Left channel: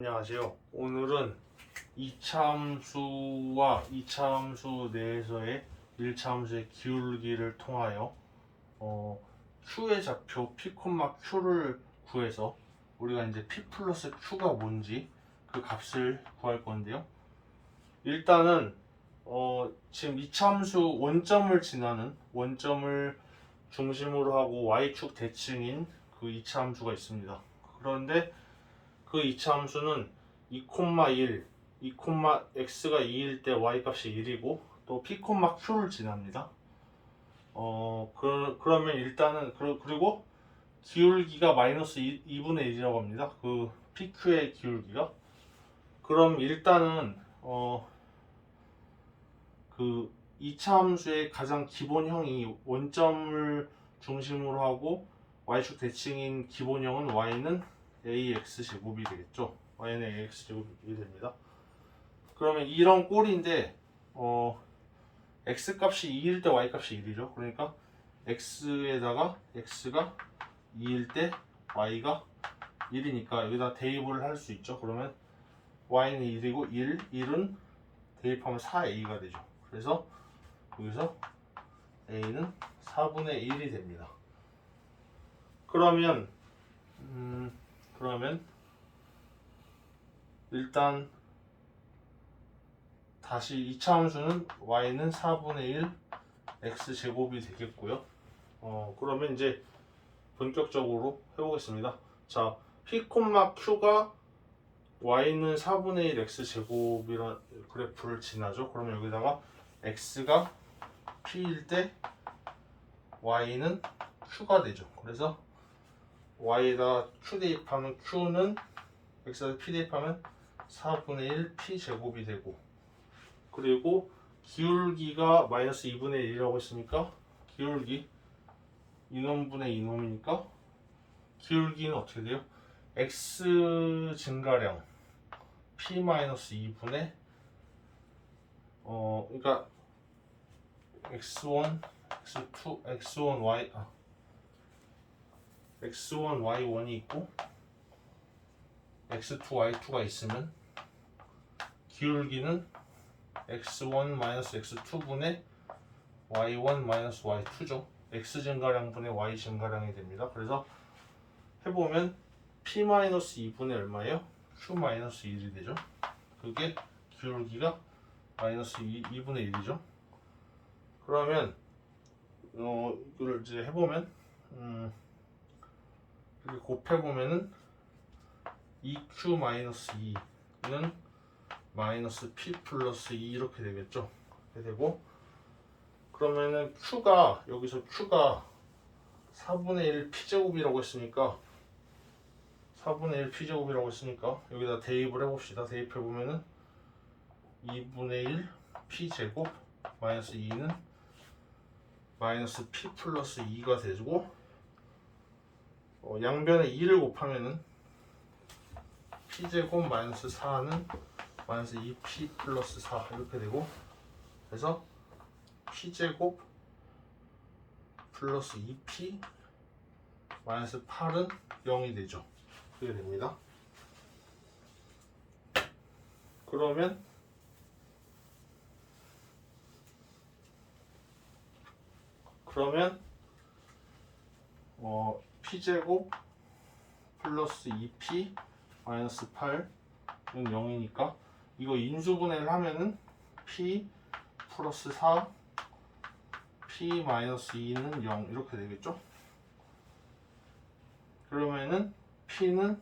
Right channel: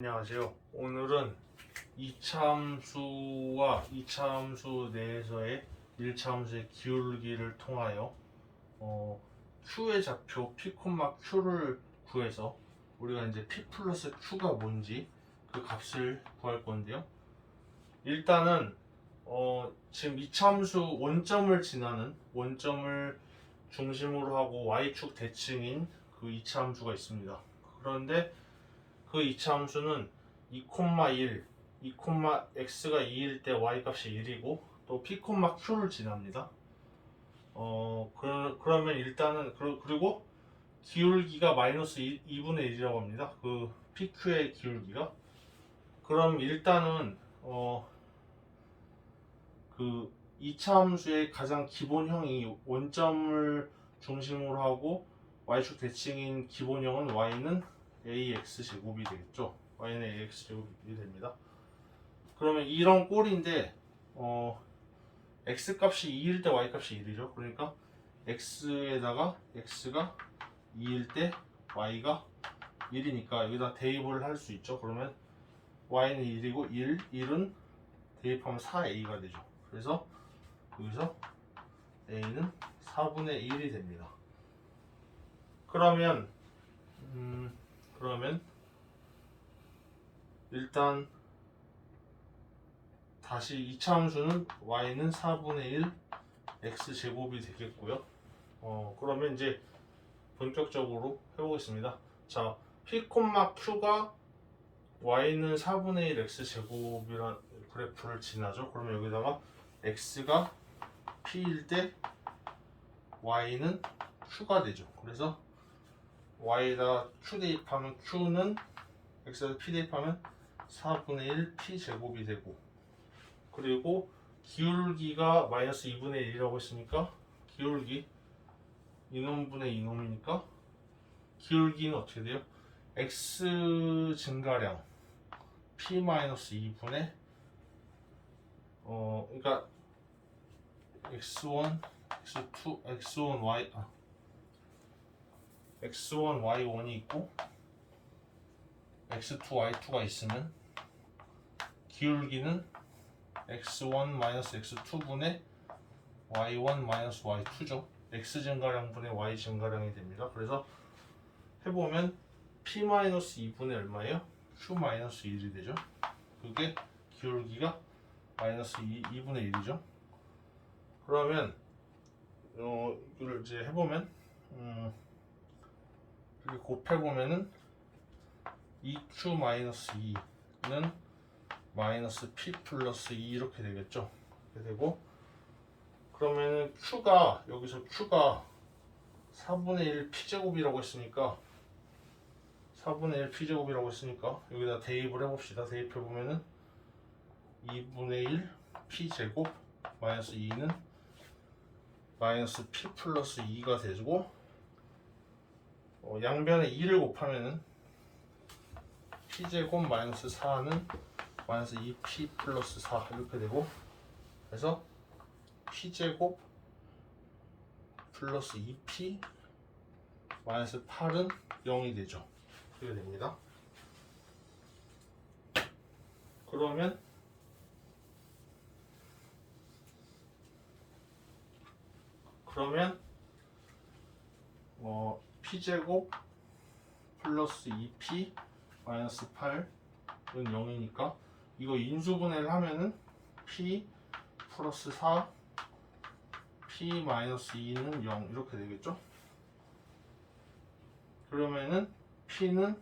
안녕하세요. 오늘은 이차함수와 이차함수 내에서의 일차함수의 기울기를 통하여 어, Q의 좌표 P, Q를 구해서 우리가 이제 P 플러스 Q가 뭔지 그 값을 구할 건데요. 일단은 어, 지금 이차함수 원점을 지나는 원점을 중심으로 하고 y축 대칭인 그 이차함수가 있습니다. 그런데 그 이차 함수는 2,1, 2, x가 2일 때 y 값이 1이고 또 p, q를 지납니다. 어 그러, 그러면 일단은 그러, 그리고 기울기가 마이너스 2, 2분의 1이라고 합니다. 그 pq의 기울기가 그럼 일단은 어그 이차함수의 가장 기본형이 원점을 중심으로 하고 y축 대칭인 기본형은 y는 ax 제곱이 되겠죠. y는 ax 제곱이 됩니다. 그러면 이런 꼴인데 어 x 값이 2일 때 y 값이 1이죠. 그러니까 x에다가 x가 2일 때 y가 1이니까 여기다 대입을 할 수 있죠. 그러면 y는 1이고 1, 1은 대입하면 4a가 되죠. 그래서 여기서 a는 4분의 1이 됩니다. 그러면 음, 그러면 일단 다시 2차 함수는 y는 4분의 1 x 제곱이 되겠고요. 어 그러면 이제 본격적으로 해보겠습니다. 자 p, q가 y는 4분의 1 x 제곱이란 그래프를 지나죠. 그러면 여기다가 x가 p일 때 y는 q가 되죠. 그래서 y에다 q 대입하면 q는 x에다 p 대입하면 4분의 1 p 제곱이 되고 그리고 기울기가 마이너스 2분의 1이라고 했으니까 기울기 이놈분의 이놈이니까 기울기는 어떻게 돼요? x 증가량 p 마이너스 2분의 어 그러니까 x1 x2 x1 y 아 x1, y1이 있고 x2, y2가 있으면 기울기는 x1 x2분의 y1 y2죠. x 증가량 분의 y 증가량이 됩니다. 그래서 해보면 p 2분의 얼마예요? q 1이 되죠. 그게 기울기가 마이너스 2, 2분의 1이죠. 그러면 어, 이걸 이제 해보면 음, 이렇게 곱해보면은 2q-2는 마이너스 p 플러스 2 이렇게 되겠죠. 이렇게 되고 그러면은 q가 여기서 q가 4분의 1 p제곱이라고 했으니까 4분의 1 p제곱이라고 했으니까 여기다 대입을 해봅시다. 대입해보면은 2분의 1 p제곱 마이너스 2는 마이너스 p 플러스 2가 되고 어, 양변에 2를 곱하면은 p제곱 마이너스 4는 마이너스 2p 플러스 4 이렇게 되고 그래서 p제곱 플러스 2p 마이너스 8은 0이 되죠. 그렇게 됩니다. 그러면 그러면 어 p제곱 플러스 2p 마이너스 8은 0이니까 이거 인수분해를 하면은 p 플러스 4 p 마이너스 2는 0 이렇게 되겠죠? 그러면은 p는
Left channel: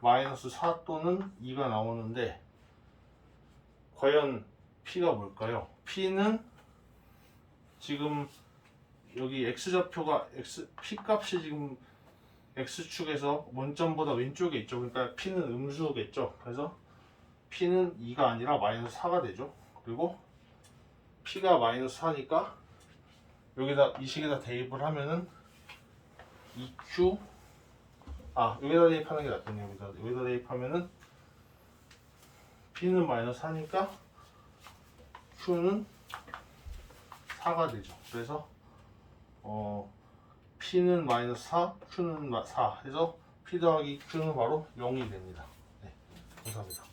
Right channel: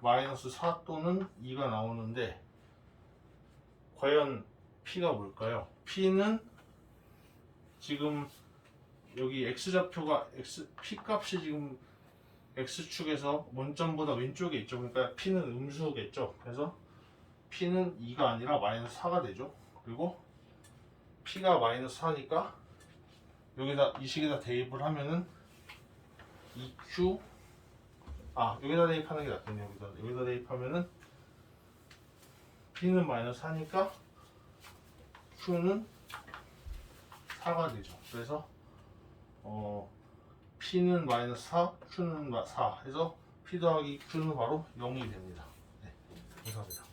마이너스 4 또는 2가 나오는데 과연 p가 뭘까요? p는 지금 여기 x 좌표가 x p 값이 지금 x축에서 원점보다 왼쪽에 있죠. 그러니까 p는 음수겠죠. 그래서 p는 2가 아니라 마이너스 4가 되죠. 그리고 p가 마이너스 4니까 여기다 이 식에다 대입을 하면은 2q 아 여기다 대입하는 게 낫겠네요. 여기다 여기다 대입하면은 p는 마이너스 4니까 q는 4가 되죠. 그래서 어, P는 마이너스 4, Q는 4 해서 P 더하기 Q는 바로 0이 됩니다. 네, 감사합니다.